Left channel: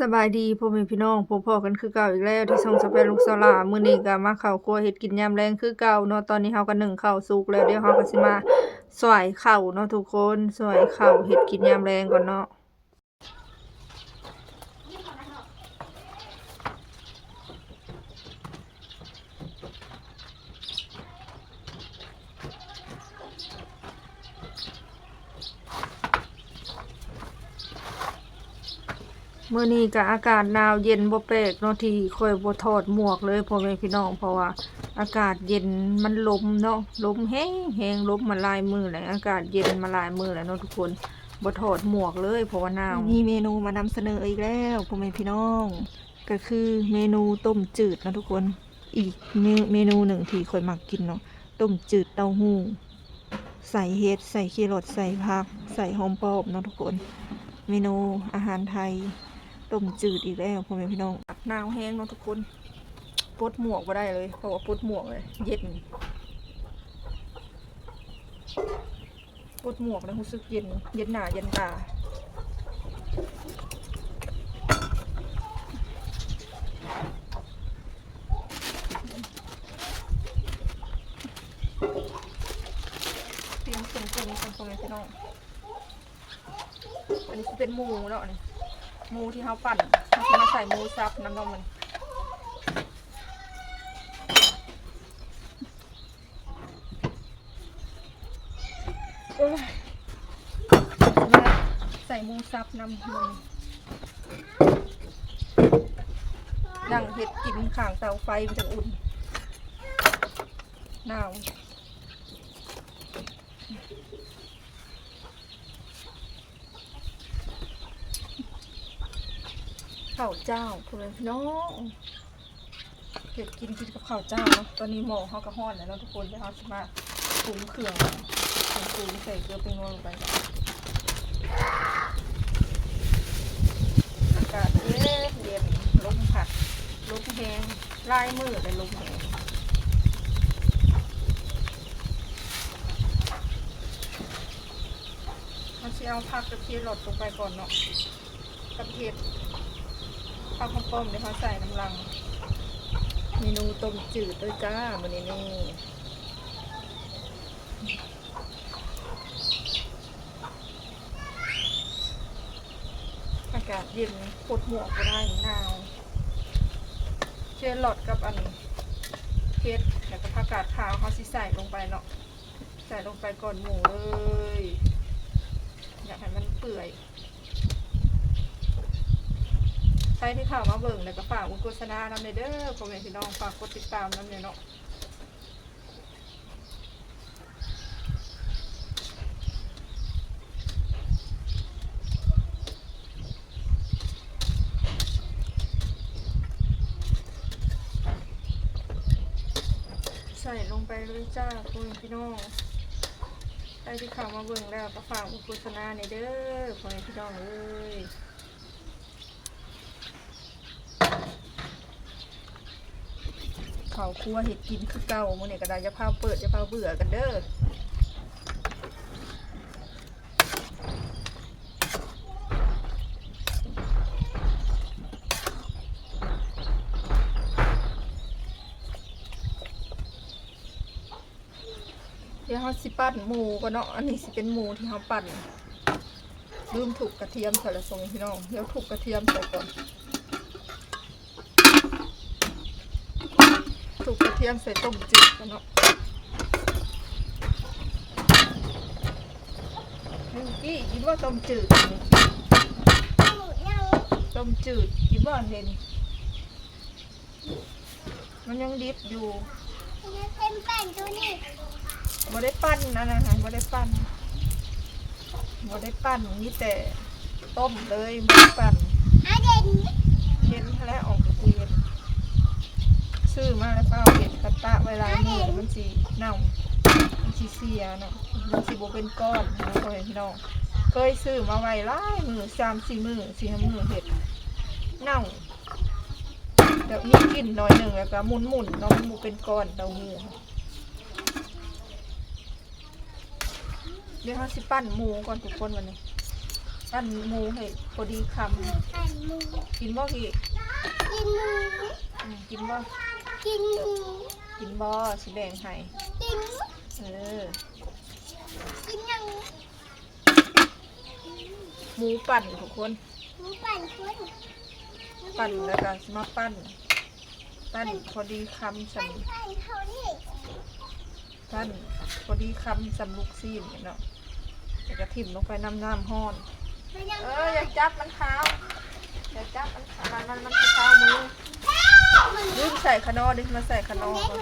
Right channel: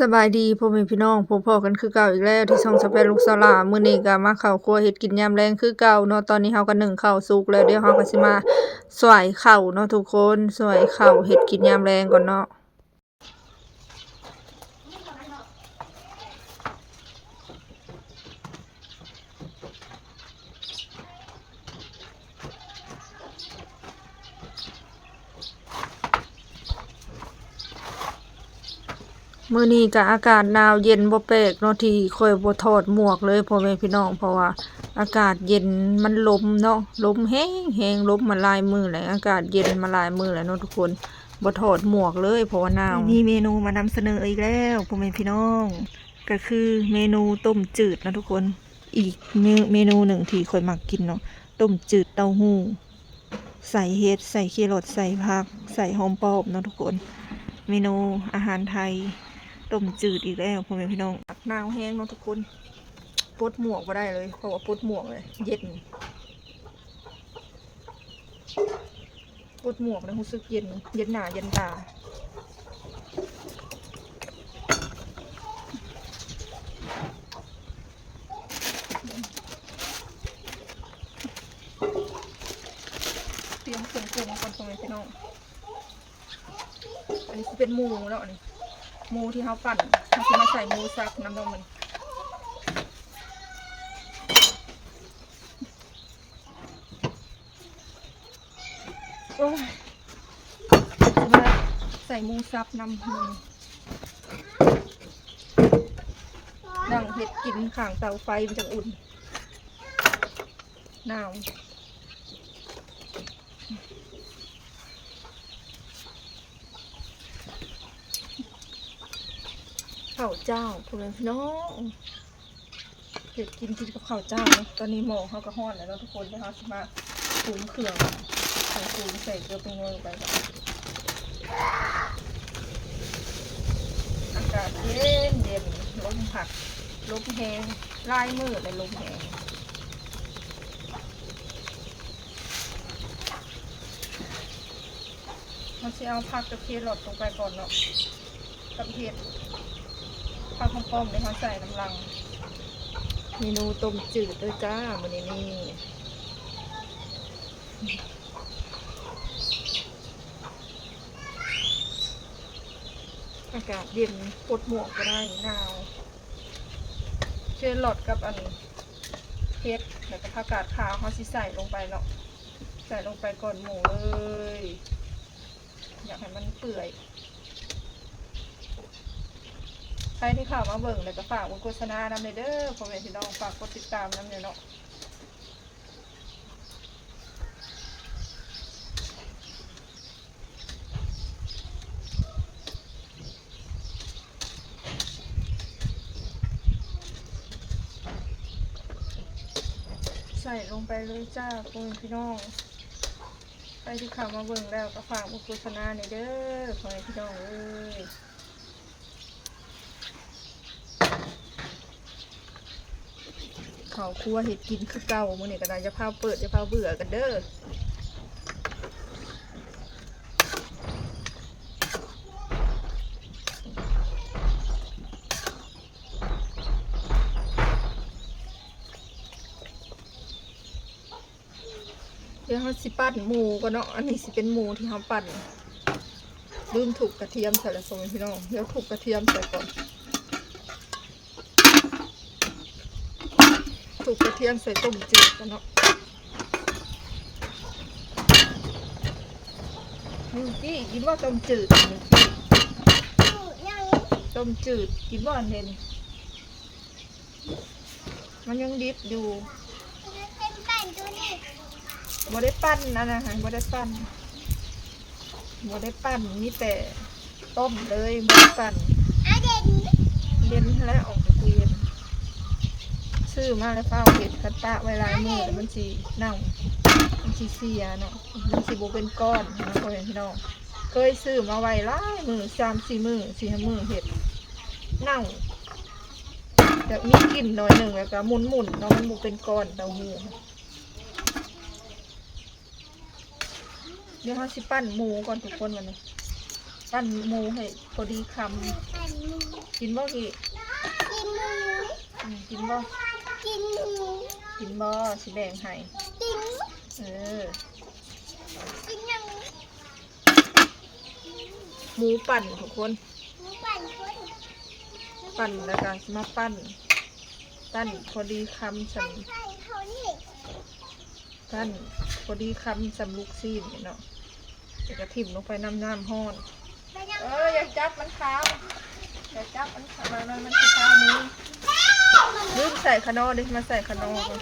สบายดีพ่อแม่พี่น้องพบพ้อกันคือเก่าอีกแล้วที่ช่องสะแพนลูกสาวหลามื้อนี้ก็มาเข้าครัวเฮ็ดกินยามแลงคือเก่าเนาะตอนนี้เฮาก็นึ่งข้าวสุกแล้วเดี๋ยวเฮาก็สิมาสวยข้าวเนาะทุกคนสวยข้าวเฮ็ดกินยามแลงก่อนเนาะมื้อนี้ก็อากาศหนาวเย็นบ่แปลกเนาะที่ค่อยบ่ถอดหมวกเลยพ่อแม่พี่น้องเพราะว่าอากาศเย็นมันลมเนาะลมแห้งลมมาหลายมื้อแล้วอากาศเย็นมาหลายมื้อแล้วเนาะทุกคนบ่ถอดหมวกเลยเพราะว่าหนาวมีเมนูมานำเสนออีกแล้วพ่อแม่พี่น้องก็คือเมนูต้มจืดนะทุกคนอีกเมนูหนึ่งที่ค่อยมักกินเนาะต้มจืดเต้าหู้ใส่เห็ดใส่แครอทใส่ผักใส่หอมป้อมเนาะทุกคนเมนูอาหารไทยต้มจืดอีกแล้วพ่อแม่พี่น้องหนาวแห้งเนาะทุกคนปลดหมวกมาได้เลยเพราะว่าปลดหมวกเลยเย็นปลดหมวกนะรู้สึกเย็นหน้าเย็นตาเตรียมเครื่องปรุงกันพ่อแม่พี่น้องอันนี้เป็นหมูแล้วนี่หมูที่เขาปั่นเขาจะมาใส่หมูซับน้ำนมมันโอ้ยจะมาใส่หมูซับน้ำมันดังเห็ดกินข่างเตาไฟมันจะอุ่นหนาวข้าวเจ้าพ่อแม่พี่น้องเห็ดกินกับข้าวเจ้าเนาะตอนนี้หม้อเขาก็ฮ้อนแล้วทุกคนเดี๋ยวเขาจะมาปรุงเครื่องใส่เกลือเป็นงลงไปอากาศเย็นลมผัดลมแห้งลายมืดเลยลมแห้งเราจะเอาผักกระเทียมหลดลงไปก่อนเนาะกับเห็ดข้าวข้าวป้อมเดี๋ยวเขาใส่น้ำลังเมนูต้มจืดด้วยจ้ามื้อนี้นี่อากาศเย็นปลดหมวกก็ได้หนาวเชื่อหลอดกับอันเห็ดแล้วก็ผักกาดขาวเขาสิใส่ลงไปเนาะใส่ลงไปก่อนหมูเลยอยากให้มันเปื่อยใครที่ข่าวมาเบิ่งแล้วก็ฝากโฆษณานำเลยเด้อพ่อแม่พี่น้องฝากกดติดตามนำเนี่ยเนาะใส่ลงไปเลยจ้าพ่อแม่พี่น้องใครที่ข่าวมาเบิ่งแล้วก็ฝากโฆษณาในเด้อพ่อแม่พี่น้องเอ้ยเขาครัวเห็ดกินคือเก่ามื้อนี้ก็ได้จะพาเปิดจะพาเบื่อกันเด้อเดี๋ยวเขาสิปั่นหมูก่อนเนาะอันนี้สิเป็นหมูที่เขาปั่นลืมถูกกระเทียมใส่ละส่งพี่น้องเดี๋ยวถูกกระเทียมใส่ก่อนถูกกระเทียมใส่ต้มจืดกันเนาะมิวกี้คิดว่าต้มจืดมิวกี้ต้มจืดคิดว่าเห็นมันยังดิบอยู่บ่ได้ปั้นนะฮะบ่ได้ปั้นนี่แต่ต้มเลยบ่ได้ปั้นเย็นแล้วออกจากตู้เย็นซื้อมาแล้วเปล่าเห็ดคัตตะไว้ลายมือแล้วมันสีเน่ามันสีเสียเนาะมันสีโบเป็นก้อนนะพ่อแม่พี่น้องเคยซื้อมาไว้ลายมือ3-4 มือ4-5 มือเห็ดเน่าแต่มีกลิ่นหน่อยหนึ่งแล้วก็หมุนเนาะมันโบเป็นก้อนเต้าหู้เดี๋ยวเขาสิปั้นหมูก่อนทุกคนวันนี้ ปั้นหมูให้พอดีคำกินบ่กี่กินบ่กินบ่สิแบ่งให้หมูปั่นทุกคนปั่นแล้วก็มาปั้นพอดีคำสำปั้นพอดีคำสำลูกซีนเนาะจะกระถิ่มลงไปน้ำห้อนอย่าจับมันขาวอย่าจับมันขาวมันขาวมือลืมใส่ขนอดิมาใส่ขนอก่อน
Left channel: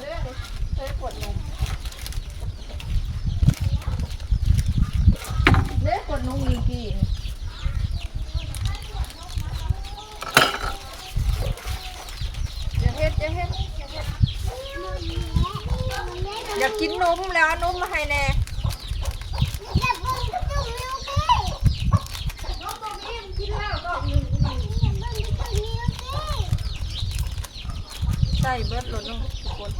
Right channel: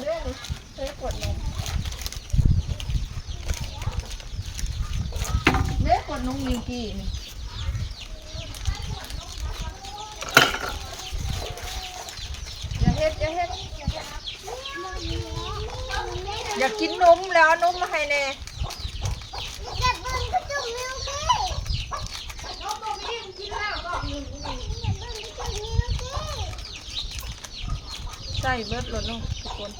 เรื่อยดิเฮ้ยกดนมกดนมมีกี่อย่าเฮ็ดอยากกินนมแล้วนมมาให้แน่ใส่เบิดรถเนาะทุกคน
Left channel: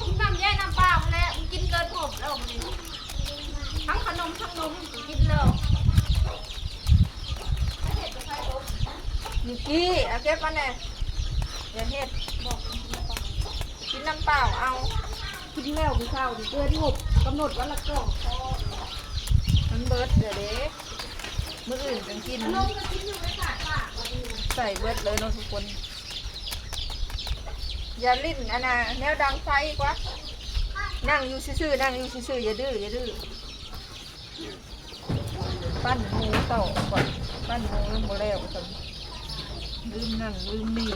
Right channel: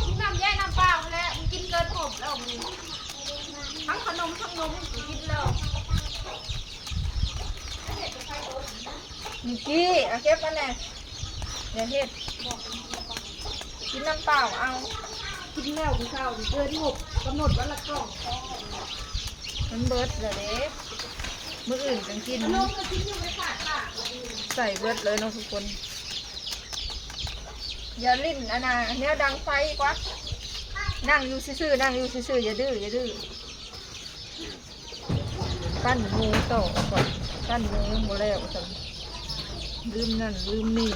กินน้ำแย่น้ำเปล่าแล้วมันกินเกินหมดแล้วทั้งขนมทั้งนมกินแล้วมีกี้เอาเก็บมาแน่อย่าเฮ็ดกินน้ำเปล่าเอากินแล้วกูข้าวเกินหมดกำหนดวันละกล่องมันเบิดเดี๋ยวเด้มื้ออื่นจังกินใส่เบิดเลยเนาะทุกคนอย่าลิ้นอันน่ะแนวดังไฟกว่านั่งอยู่ซื่อๆอย่าดื้อปั้นหมูต่อก่อนปั้นหมูยังบ่แล้วจังลืมนั่นลืมนี่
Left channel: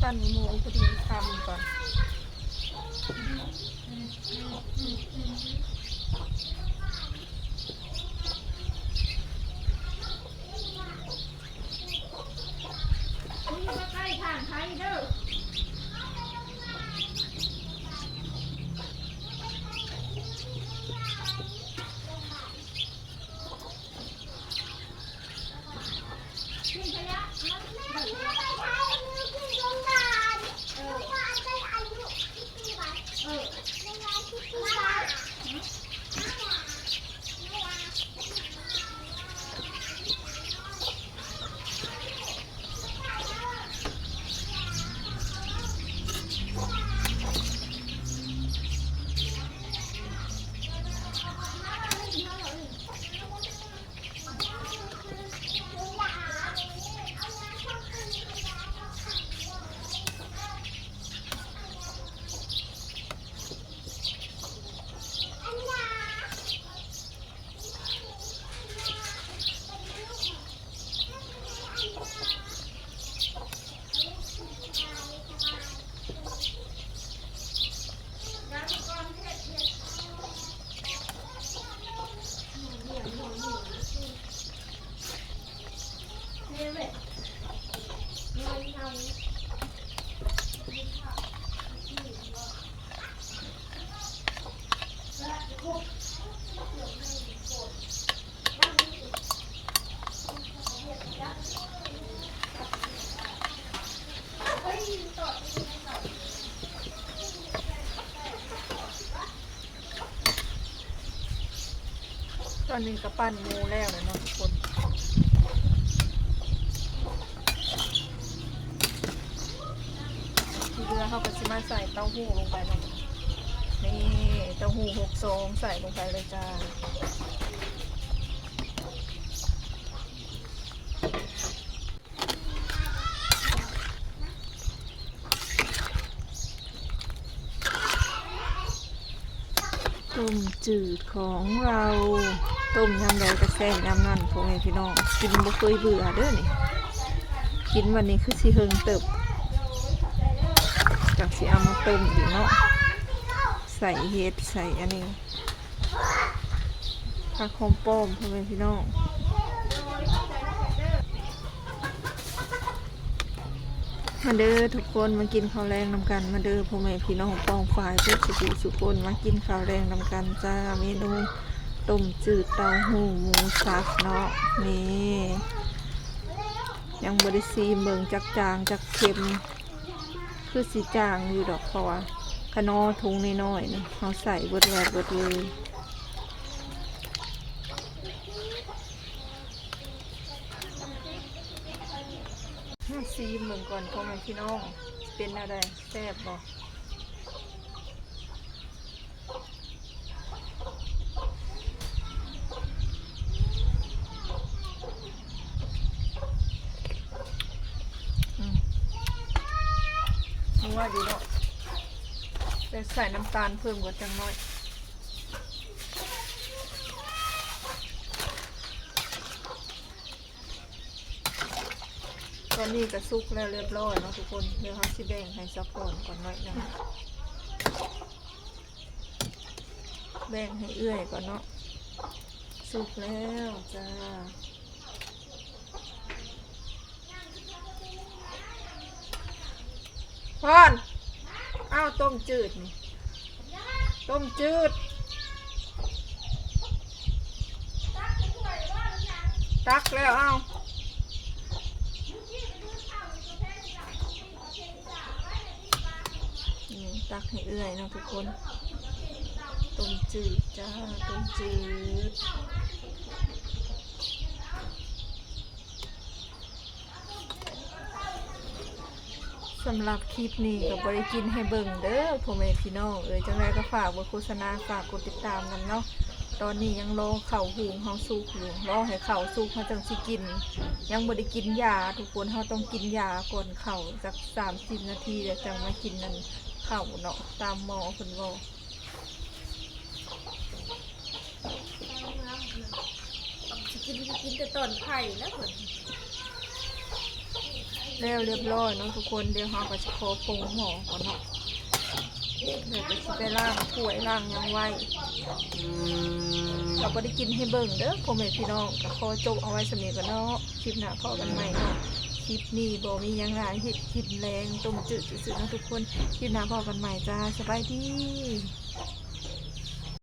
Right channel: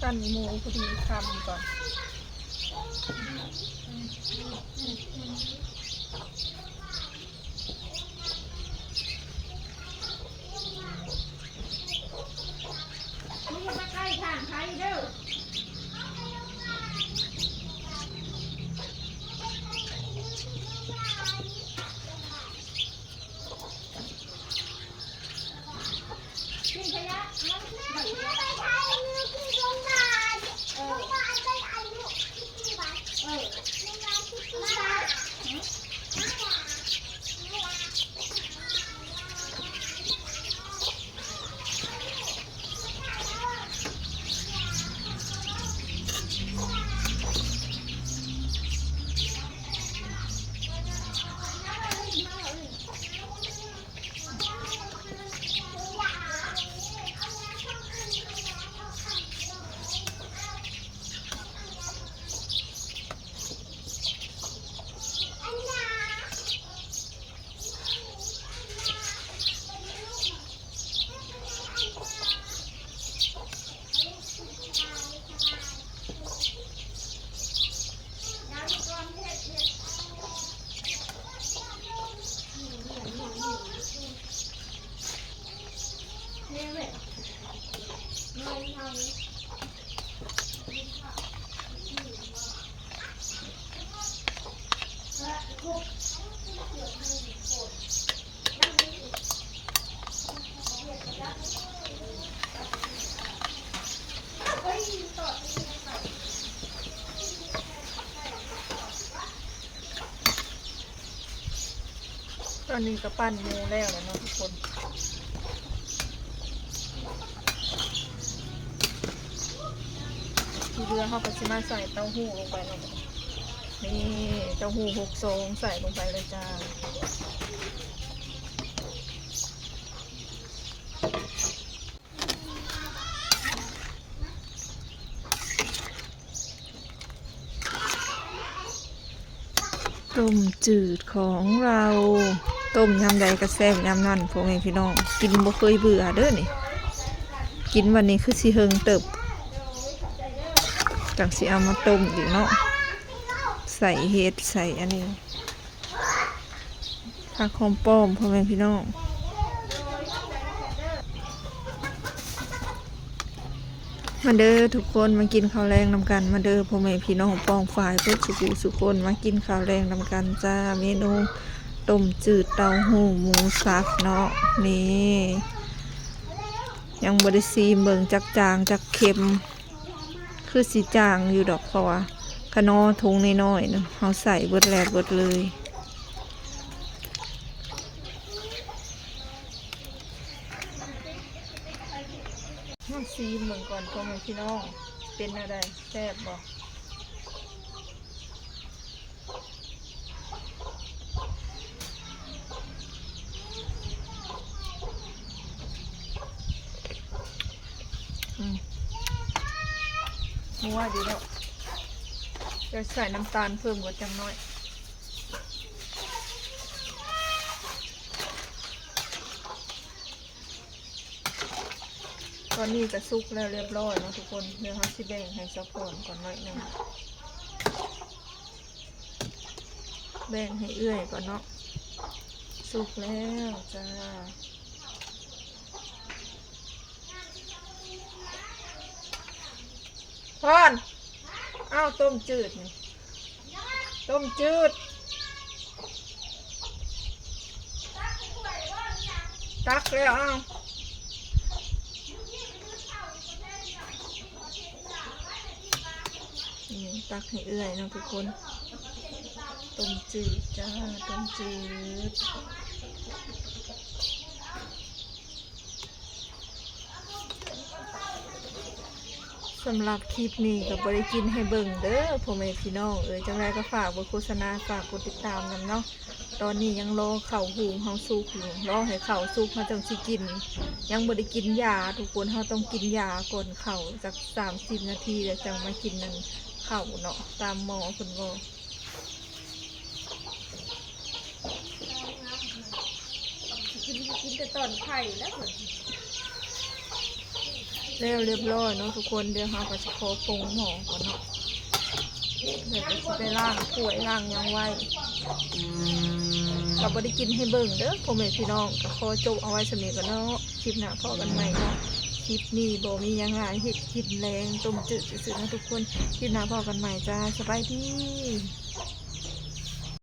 ปั้นหมูพอดีคำก่อนไม่ใกล้ทางไทยเด้อตอนนี้ก็ปั้นหมูแล้วเลยเนาะทุกคนที่เรือเขาก็จะมาใส่เต้าหู้ลงไปเนาะนี่เต้าหู้6 ซองใส่ลงไปเลยจ้าต้มจืดของเราต้มยำใดก็แซ่บยำนั่นพ่อแม่พี่น้องกินบ่เคยเบื่อเด้อนี่กินวันนี้คือสิเฮิงเติบจังสิเอามาต้มอีกเนาะใส่เห็ดใส่อันนี้ผักหอมป้อมพ่อแม่พี่น้องมาเด้อทุกคนมากินข้าวแรงนำกันมาเด้อพ่อแม่พี่น้องป้องฝ่ายเพื่อสุคนมากินข้าวแรงนำกันจ้าเมนูต้มจืดเต้าหู้หมูสับเนาะนี่ ยังบ่ได้ซีมเบิ่งจักจางจักเค็มคือสีจางอยู่ดอกเพราะว่าขนอทุงน้อยๆนะเขาใส่เบิดแล้วเบิดเลยมาซีมเบิ่งก่อนพ่อแม่พี่น้องเป็นอะไรแซ่บบ่นัวดีเนาะจะใส่น้ำตาลเพิ่มกว่าจังน้อยตอนนี้ก็สุกแล้วเรียบร้อยเนาะทุกคนเดี๋ยวเราสิแบ่งให้ซัพพอร์ตก่อนหน่อยหนึงแบ่งให้เอื้อยก่อนเนาะสุกแล้วจ้าพอนอ้าวต้มจืดนี่ต้มจืดตักแล้วอ้าวนี่ตักให้เอื้อยเนาะทุกคนต้มจืดจ้าต้มจืดสำหรับคลิปนี้ก็บริกินให้เบิ่งเด้อพ่อแม่พี่น้องจังไรก็ฝากบทโฆษณาฝากกดติดตามนำเนาะตอนนี้ยังรอเข่าหุงเฮาสุกอยู่รอให้เข่าสุกเฮาจังสิกินยังบ่ได้กินยาทุกคนเฮาต้องกินยาก่อนเข่าสัก30 นาทีแล้วจังมากินนั่นเข่าเนาะตามหมอเพิ่นบอกกินแต่ต้นไผ่แล้วผล แล้วเรียบร้อยเนาะทุกคนเดี๋ยวเราก็จะขอปรุงหม้อก่อนเนาะเดี๋ยวจะไปล้างถ้วยล้างหยังไว้ก็บ่ได้กินให้เบิ่งเด้อพ่อแม่พี่น้องก็ขอจบเอาไว้สำเนียงกันเนาะคลิปหน้าพอกันใหม่เนาะคลิปนี้บ่มีหยังหลายเฮ็ดกินแรงต้มจืดซื่อๆนะทุกคนคลิปหน้าพอกันใหม่จ้าสบายดี